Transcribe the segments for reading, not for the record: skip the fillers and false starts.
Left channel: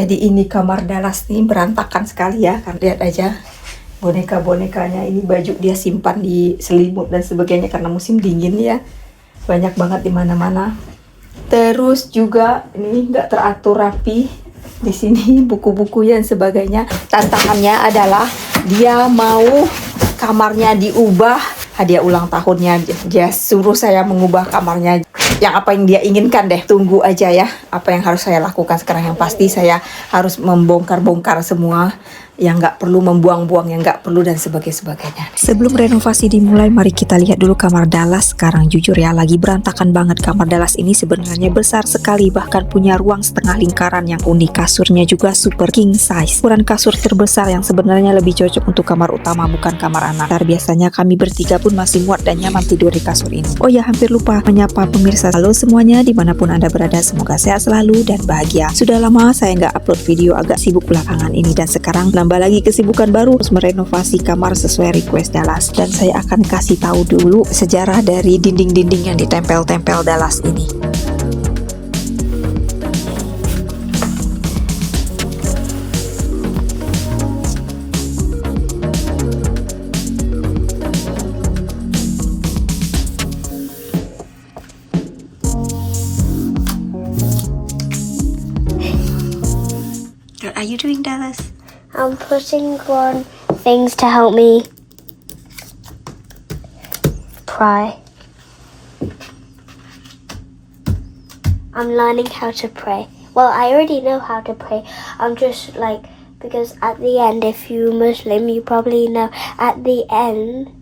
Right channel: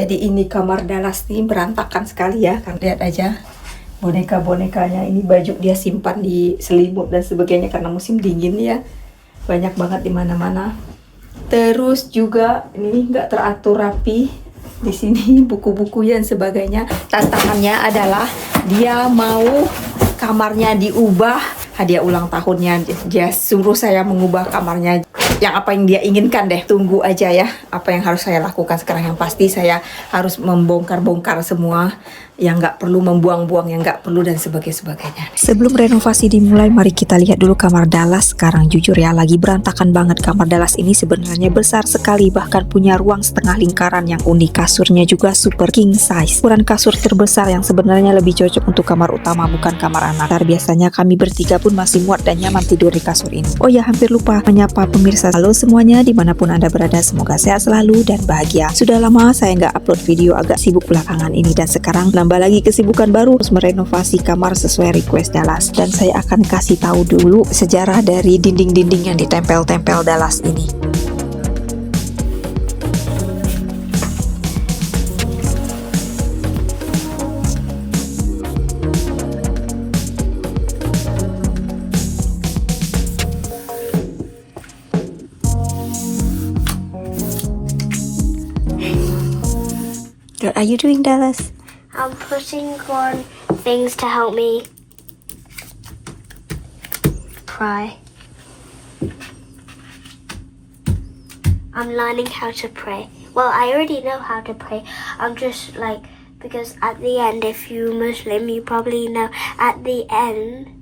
Jadi ini kamar Dallas nih berantakan sekali ya, kan lihat aja boneka-bonekanya, ini baju dia simpan di selimut dan sebagainya karena musim dingin ya, banyak banget di mana-mana. Terus juga ini nggak teratur rapi di sini, buku-buku dan sebagainya. Tantangannya adalah dia mau kamarnya diubah, hadiah ulang tahunnya, dia suruh saya mengubah kamarnya. Yang apa yang dia inginkan deh, tunggu aja ya apa yang harus saya lakukan sekarang. Yang pasti saya harus membongkar-bongkar semua yang nggak perlu, membuang-buang yang nggak perlu dan sebagainya. Sebelum renovasi dimulai, mari kita lihat dulu kamar Dallas sekarang. Jujur ya, lagi berantakan banget. Kamar Dallas ini sebenarnya besar sekali, bahkan punya ruang setengah lingkaran yang unik. Kasurnya juga super king size, ukuran kasur terbesar yang sebenarnya lebih cocok untuk kamar utama, bukan kamar anak. Biasanya kami bertiga pun masih muat dan nyaman tidur di kasur ini. Oh ya, hampir lupa menyapa pemirsa. Halo semuanya, dimanapun Anda berada, semoga sehat selalu dan bahagia. Sudah lama saya nggak upload video, agak sibuk belakangan ini, dan sekarang nambah lagi kesibukan baru, harus merenovasi kamar sesuai request Dallas. Dan saya akan kasih tahu dulu sejarah dari dinding-dinding yang ditempel-tempel Dallas ini. What are you doing, Dallas? I'm putting on things to help me pray. I'm learning how to pray. Well, I already know how to pray. I'm just like, because at the end, if you're Muslim, you probably know at the end,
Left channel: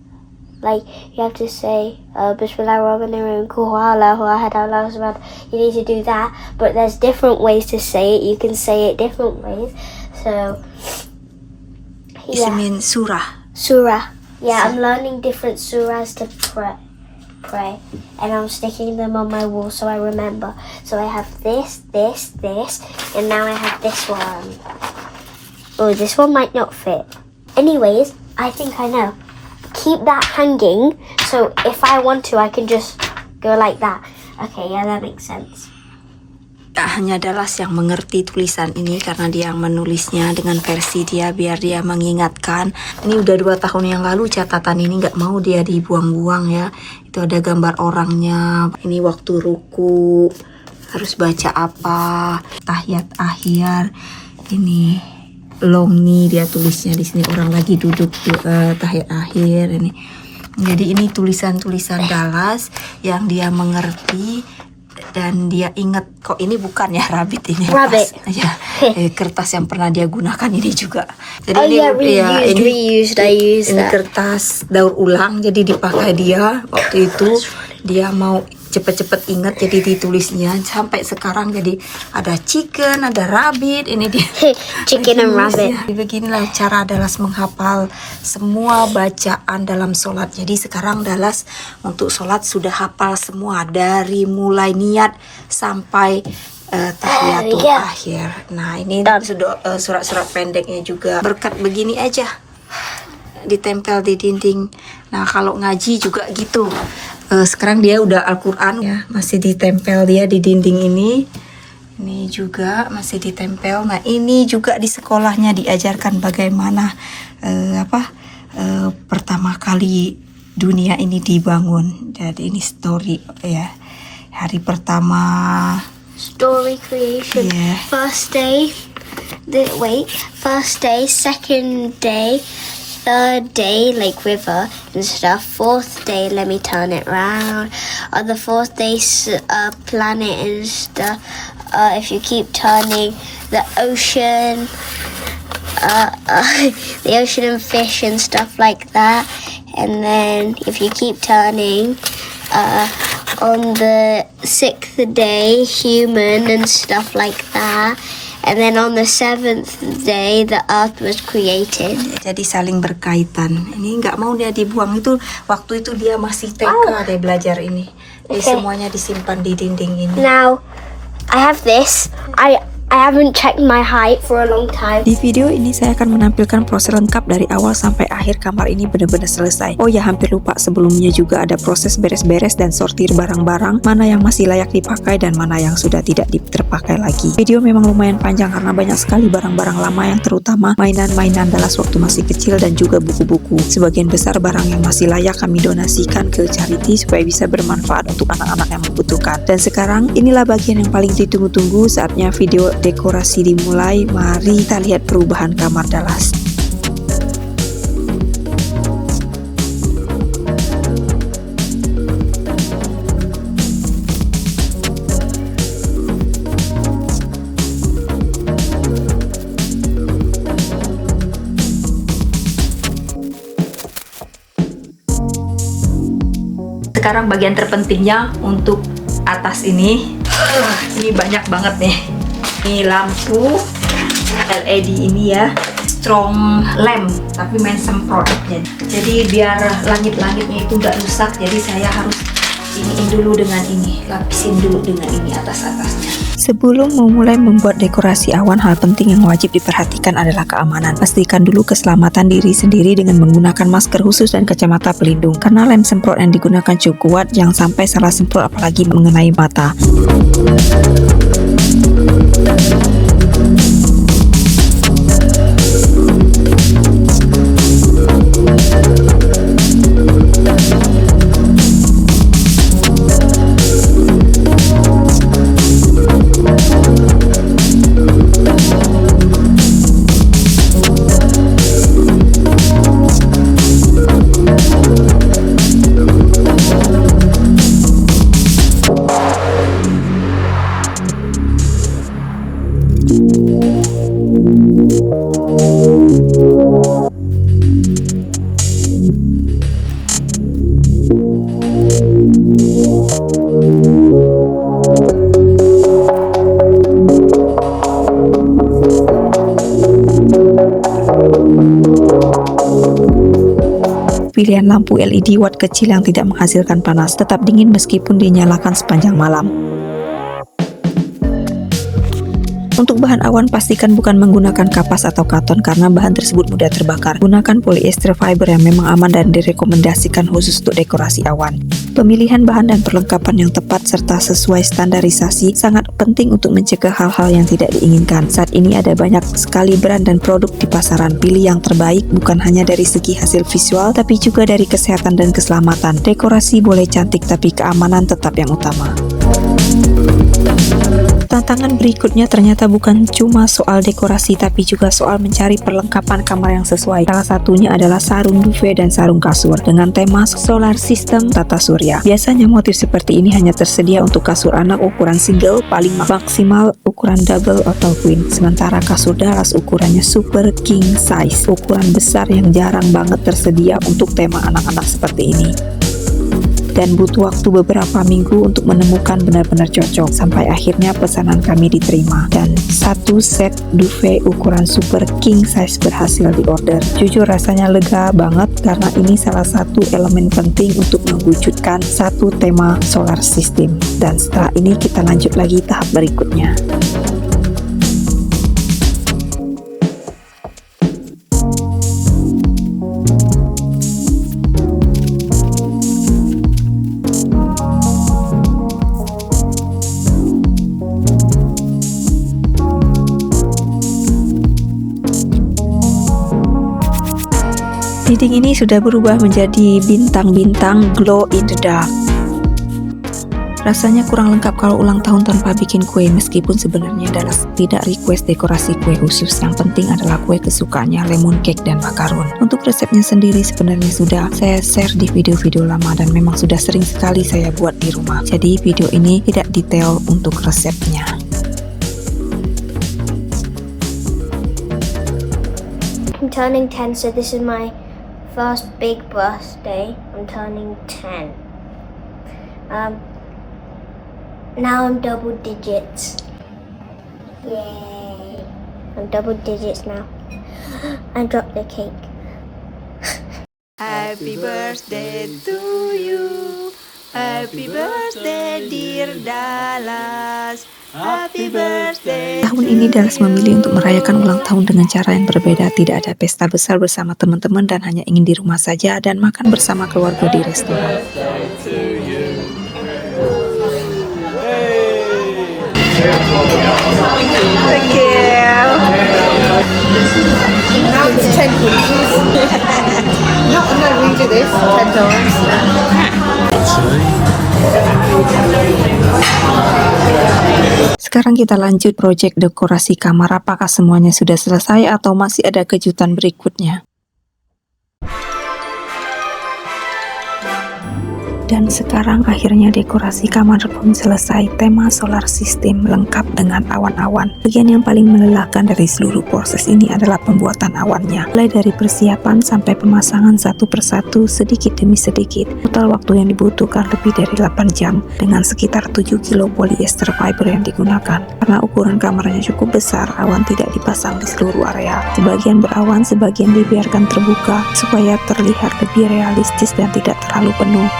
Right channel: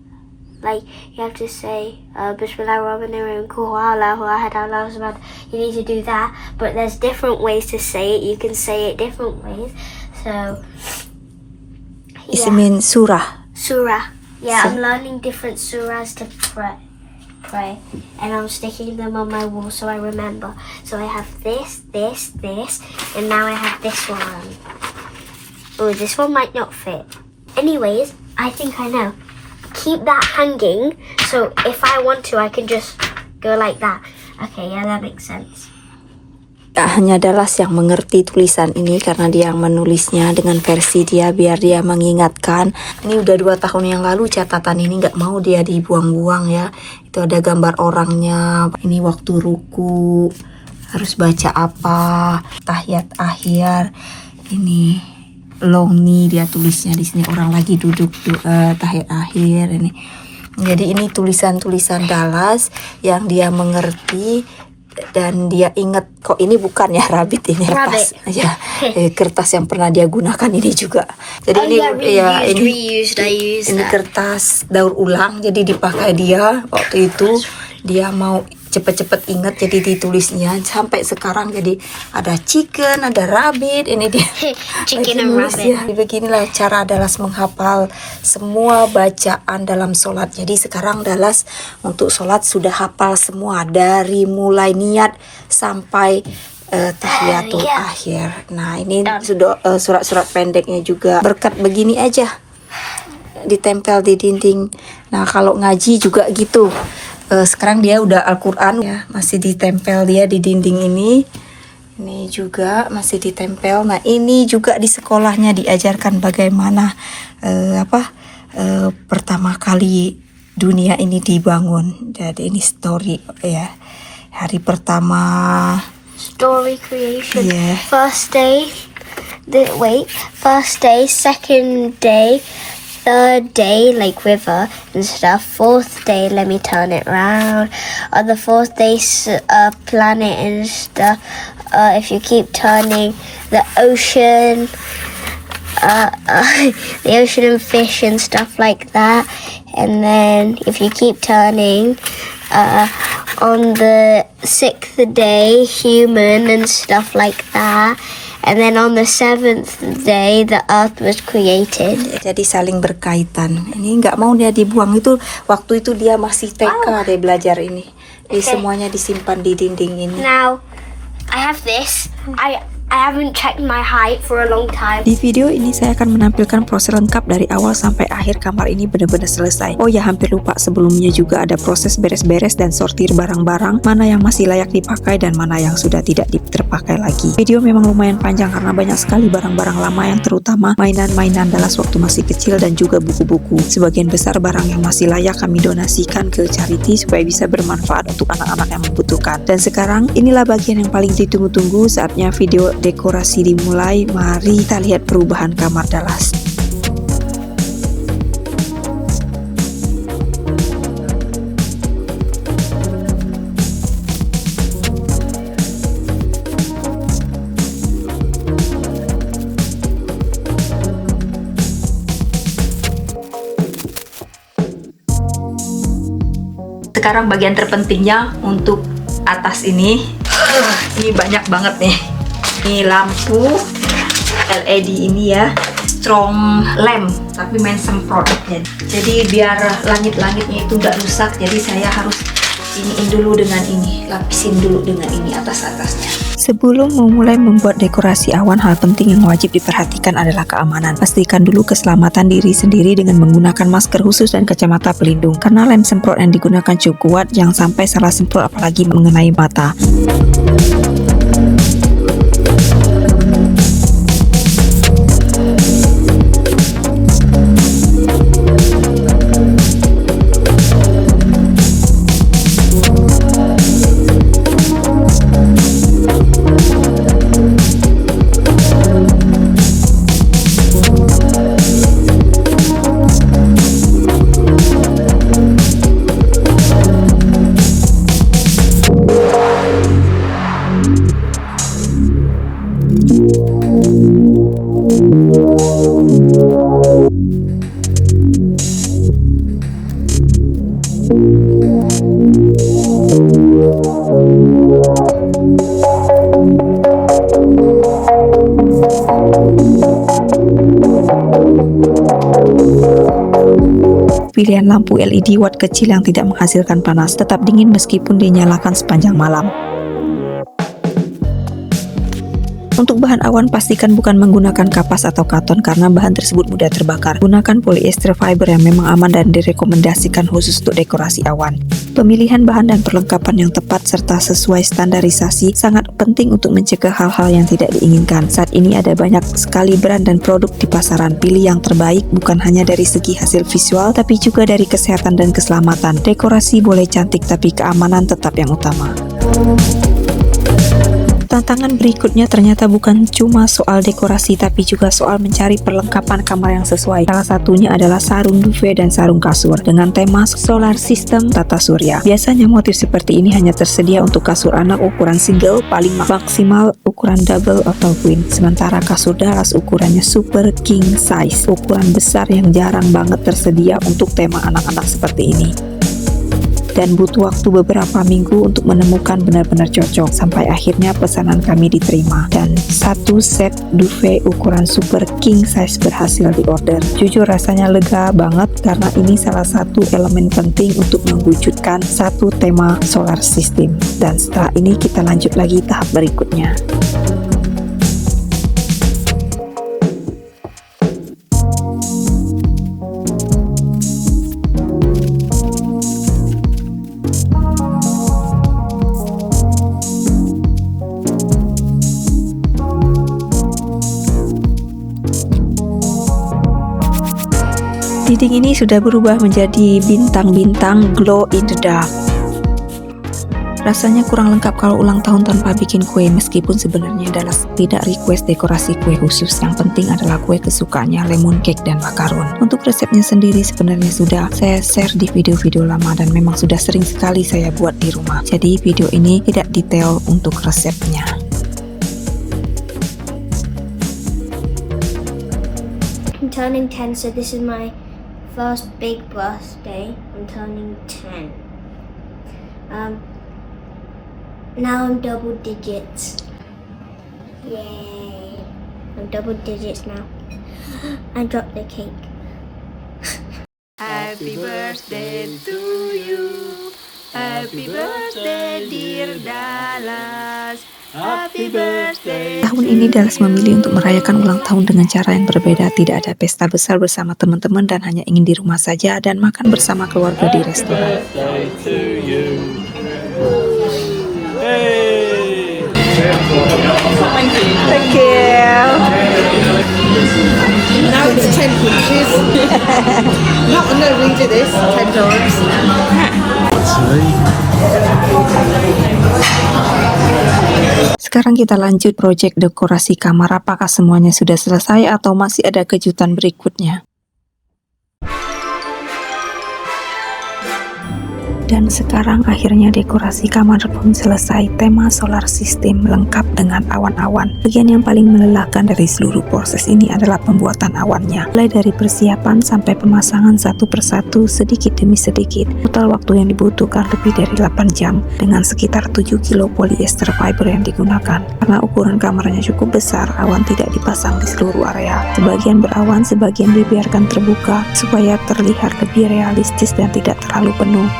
like, you have to say, Bismillahirrahmanirrahim, Allahu Ahad, Allahu Samad. You need to do that, but there's different ways to say it. You can say it different ways. So, It means surah. Surah. Yeah, I'm learning different surahs to pray. And I'm sticking them on my wall so I remember. So I have this, and now I have this one. Oh, this one might not fit. Anyways, I think I know. Keep that hanging, so if I want to, I can just go like that. Okay, yeah, that makes sense. Hanya Dallas yang mengerti tulisan ini karena dia yang menulisnya dengan versi dia biar dia mengingatkan. Ini udah 2 tahun yang lalu catatan ini, nggak mau dia dibuang-buang ya. Itu ada gambar orangnya. Ini waktu ruku harus baca apa, tahiyat akhir. Ini long nih dia tulisnya di sini, orang lagi duduk tahiyat akhir ini. Jadi ini tulisan-tulisan Dallas yang dia mengerti dan dia ingat, kok ini bukan ya rabbit, ini kertas ya, kertas yang pernah dia gunakan ini juga. Jadi ini kertas daur ulang, jadi dipakai dia waktu itu, dia mau cepet-cepet ingat jadi ditulisnya sampai sekarang. Jadi ada chicken, ada rabbit, ini dia Chicken and rabbit. ya. Beginilah cara Dallas menghafal semua bacaan dalam sholat. Jadi sekarang Dallas untuk sholat sudah hafal semua dari mulai niat sampai tahiyatul akhir. Nah ini sudah surat-surat pendeknya juga, berkat begini aja ditempel di dinding. Nah kalau ngaji juga gitu. Sekarang dia udah Al-Quran ya, masih ditempel dia di dinding ini. Ini juga masih ditempel. Nah ini juga di sekolahnya diajarkan bagaimana pertama kali dunia ini dibangun. Jadi ini story ya, hari pertama. Story creation. Yeah. First day, second day, third day, like river and stuff. Fourth day, let me turn it around. On the fourth day, planet and stuff. If you keep turning, the ocean, the ocean and fish and stuff like that. And then if you keep turning, on the sixth day, human and stuff like that. And then on the seventh day, the earth was created. Jadi saling berkaitan. Ini nggak mau dia dibuang, itu waktu itu dia masih TK dia belajar ini. Jadi semuanya disimpan di dinding ini. Now, I have this. I haven't checked my height for a long time. Di video ini saya akan menampilkan proses lengkap dari awal sampai akhir kamar ini benar-benar selesai. Oh ya, hampir lupa, sebelumnya juga ada proses beres-beres dan sortir barang-barang, mana yang masih layak dipakai dan mana yang sudah tidak terpakai lagi. Video memang lumayan panjang karena banyak sekali barang-barang lama yang terutama mainan-mainan Dallas waktu masih kecil dan juga buku-buku. Sebagian besar barang yang masih layak kami donasikan ke charity supaya bisa bermanfaat untuk anak-anak yang membutuhkan. Dan sekarang inilah bagian yang paling ditunggu-tunggu, saatnya video dekorasi dimulai. Mari kita lihat perubahan kamar Dallas. Sekarang bagian terpentingnya untuk atas ini. Ini banyak banget nih. Ini lampu LED ini ya, strong lamp tapi main semprot. Jadi biar langit-langitnya itu nggak rusak, jadi saya harus iniin dulu dengan ini, lapisin dulu dengan ini atas-atasnya. Sebelum memulai membuat dekorasi awan, hal penting yang wajib diperhatikan adalah keamanan. Pastikan dulu keselamatan diri sendiri dengan menggunakan masker khusus dan kacamata pelindung. Karena lem semprot yang digunakan cukup kuat, jangan sampai salah semprot apalagi mengenai mata. Pilihan lampu LED watt kecil yang tidak menghasilkan panas, tetap dingin meskipun dinyalakan sepanjang malam. Untuk bahan awan, pastikan bukan menggunakan kapas atau karton karena bahan tersebut mudah terbakar. Gunakan polyester fiber yang memang aman dan direkomendasikan khusus untuk dekorasi awan. Pemilihan bahan dan perlengkapan yang tepat serta sesuai standarisasi sangat penting untuk mencegah hal-hal yang tidak diinginkan. Saat ini ada banyak sekali brand dan produk di pasaran. Pilih yang terbaik bukan hanya dari segi hasil visual, tapi juga dari kesehatan dan keselamatan. Dekorasi boleh cantik, tapi keamanan tetap yang utama. Tantangan berikutnya ternyata bukan cuma soal dekorasi, tapi juga soal mencari perlengkapan kamar yang sesuai. Salah satunya adalah sarung duvet dan sarung kasur dengan tema solar system tata surya. Biasanya motif seperti ini hanya tersedia untuk kasur anak ukuran single, paling maksimal ukuran double atau queen. Sementara kasur Dallas ukurannya super king size, ukuran besar yang jarang banget tersedia untuk tema anak-anak seperti ini. Dan butuh waktu beberapa minggu untuk menemukan benar-benar cocok, sampai akhirnya pesanan kami diterima dan satu set duvet ukuran super king size berhasil diorder. Jujur rasanya lega banget karena ini salah satu elemen penting untuk mewujudkan satu tema solar system. Dan setelah ini kita lanjut lagi tahap berikutnya. Dinding ini sudah berubah menjadi bintang-bintang glow in the dark. Rasanya kurang lengkap kalau ulang tahun tanpa bikin kue, meskipun sebenarnya adalah tidak request dekorasi kue khusus. Yang penting adalah kue kesukaannya, lemon cake dan macaron. Untuk resepnya sendiri sebenarnya sudah saya share di video-video lama dan memang sudah sering sekali saya buat di rumah. Jadi video ini tidak detail untuk resepnya. I'm turning 10, so this is my first big birthday. I'm turning 10. Now I'm double digits. Yay! I'm double digits now. I dropped the cake. Happy birthday to you. Happy birthday dear Dallas. Tahun ini Dallas memilih untuk merayakan ulang tahun dengan cara yang berbeda. Tidak ada pesta besar bersama teman-teman dan hanya ingin di rumah saja dan makan bersama keluarga di restoran. Thank you. Now it's 10 inches. No, read this 10 times. Sekarang kita lanjut proyek dekorasi kamar. Apakah semuanya sudah selesai atau masih ada kejutan berikutnya? Dan sekarang akhirnya dekorasi kamar pun selesai. Tema solar system lengkap dengan awan-awan. Bagian yang paling melelahkan dari seluruh proses ini adalah pembuatan awannya. Mulai dari persiapan sampai pemasangan satu persatu sedikit demi sedikit. Total waktu yang dibutuhkan lebih dari 8 jam dengan sekitar 7 kilo polyester fiber yang digunakan. Karena ukuran kamarnya cukup besar, awan tidak dipasang di seluruh area. Sebagian berawan, sebagian dibiarkan terbuka supaya terlihat lebih realistis dan tidak terlalu penuh.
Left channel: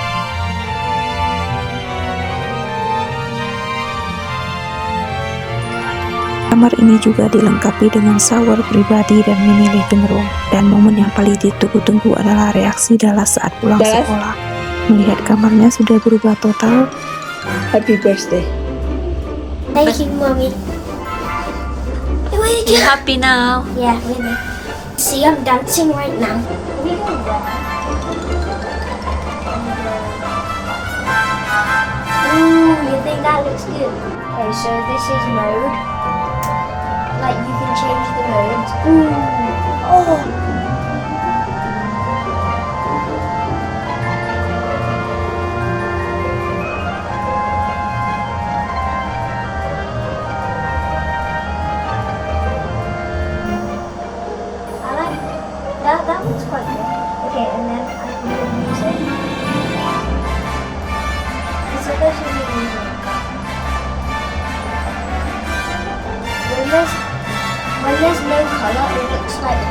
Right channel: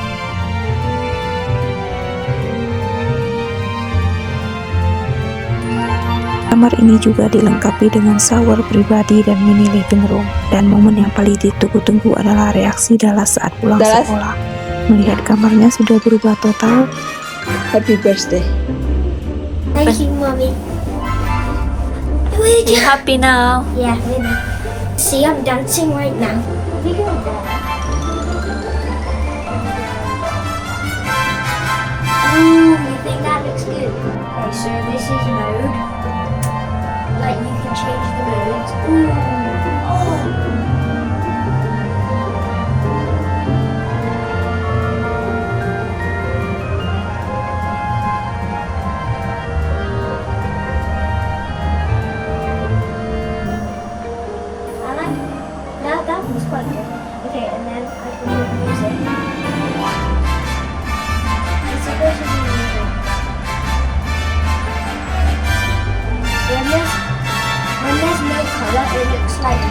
Kamar ini juga dilengkapi dengan shower pribadi dan mini living room. Dan momen yang paling ditunggu-tunggu adalah reaksi Dallas saat pulang sekolah. Melihat kamarnya sudah berubah total. Happy birthday. Thank you, Mommy. You happy now? Yeah, really. See, I'm dancing right now. Ooh, you think that looks good? Okay, so this is mode. Like, you can change the modes. Ooh. Oh. I like that. That looks quite good. Okay, and then I can do music. It's supposed to be music. When there's no colour, it looks like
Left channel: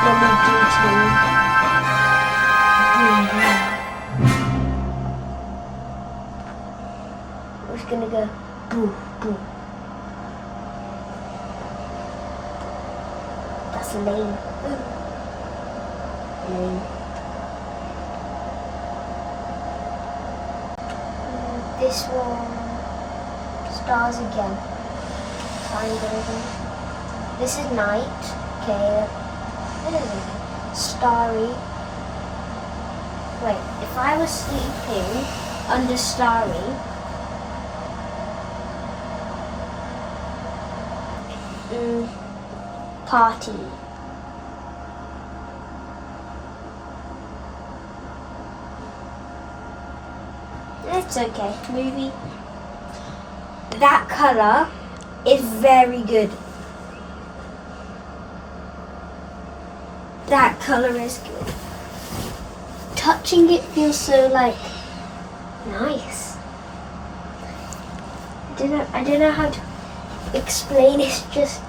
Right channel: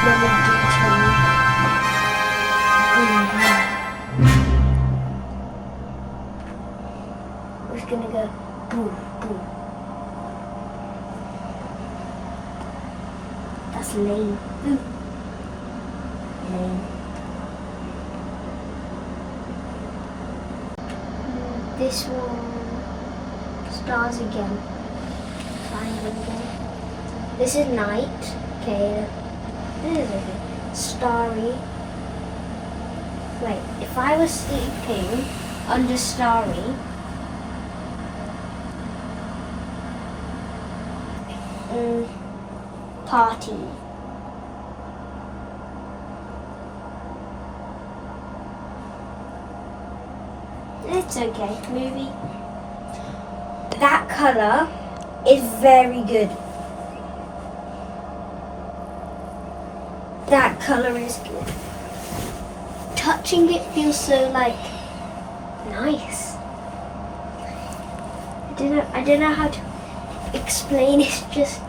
let me do change. We're just gonna go boom, boom. That's lame. Ooh. Lame. This one, stars again. Triangle again. This is night. Okay. This is okay. Starry. Wait, if I was sleeping under starry, party. It's okay. Movie. That colour is very good. That colour is good. Touching it feels so like nice. I don't know how to explain. It's just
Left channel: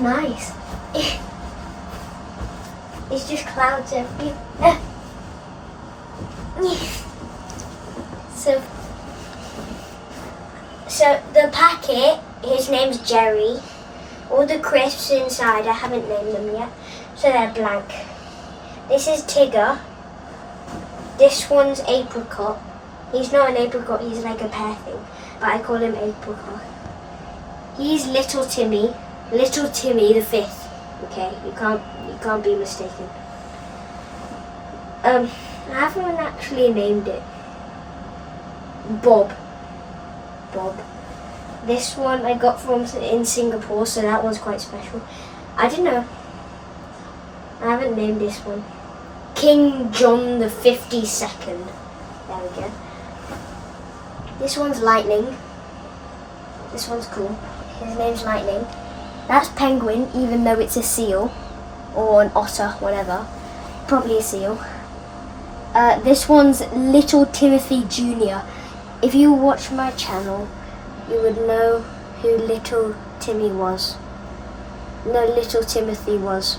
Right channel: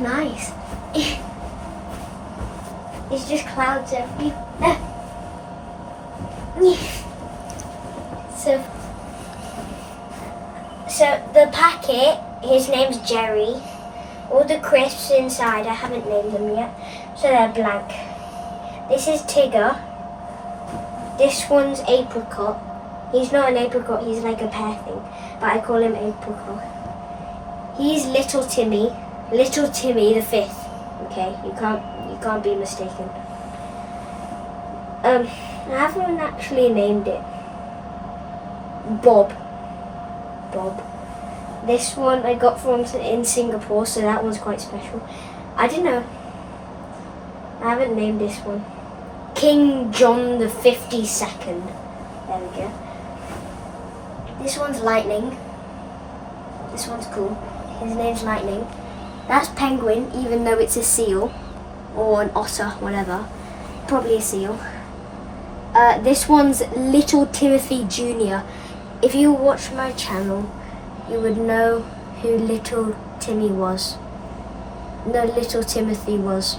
nice. It's just clouds everywhere. So the packet, his name's Jerry. All the crisps inside, I haven't named them yet, so they're blank. This is Tigger. This one's Apricot. He's not an apricot, he's like a pear thing, but I call him Apricot. He's Little Timmy the fifth. Okay, you can't be mistaken. I haven't actually named it. Bob. This one I got from in Singapore, so that one's quite special. I don't know. I haven't named this one. King John the 52nd. There we go. This one's Lightning. This one's cool. His name's Lightning. That's Penguin, even though it's a seal. Or an otter, whatever. Probably a seal. This one's Little Timothy Jr. If you watch my channel, you would know who Little Timothy was.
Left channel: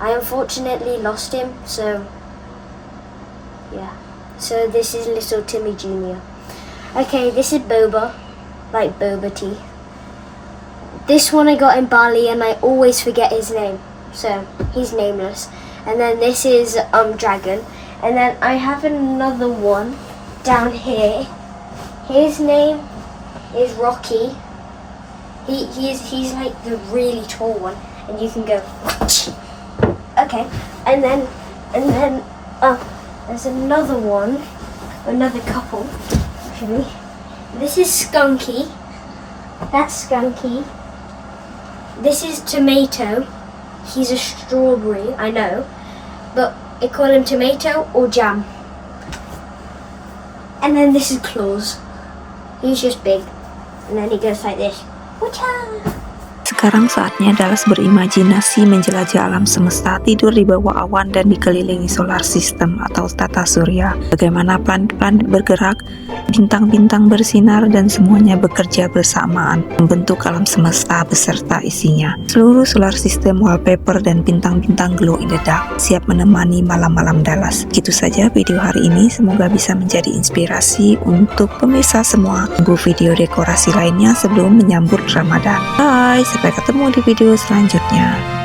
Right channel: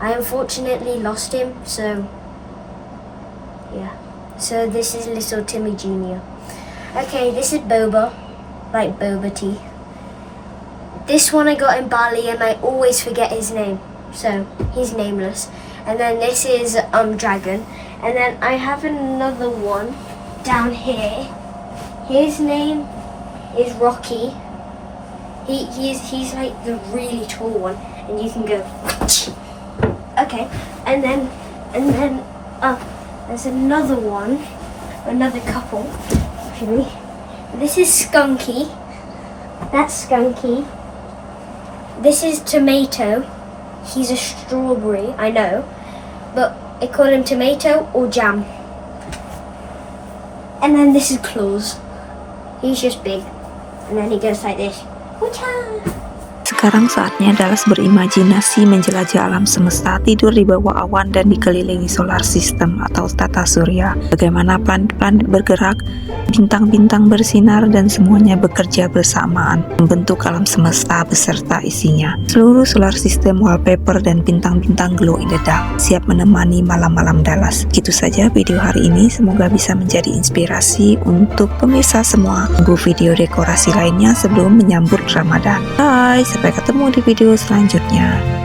I unfortunately lost him, so Yeah. So this is little Timmy Jr. Okay, this is boba, like boba tea. This one I got in Bali and I always forget his name. So he's nameless. And then this is dragon. And then I have another one down here. His name is Rocky. He's like the really tall one, and you can go. Okay, and then there's another one, another couple actually. This is Skunky. That's Skunky. This is Tomato. He's a strawberry, I know, but I call him Tomato or Jam. And then this is Claus. He's just big, and then he goes like this. Sekarang saatnya Dallas berimajinasi menjelajah alam semesta, tidur di bawah awan dan dikelilingi solar system atau tata surya. Bagaimana planet-planet bergerak, bintang-bintang bersinar dan semuanya bekerja bersamaan membentuk alam semesta beserta isinya. Seluruh solar system, wallpaper dan bintang-bintang glow in the dark siap menemani malam-malam Dallas. Gitu saja video hari ini, semoga bisa menjadi inspirasi untuk pemirsa semua. Tunggu video dekorasi lainnya sebelum menyambut Ramadan. Bye, sampai ketemu di video selanjutnya.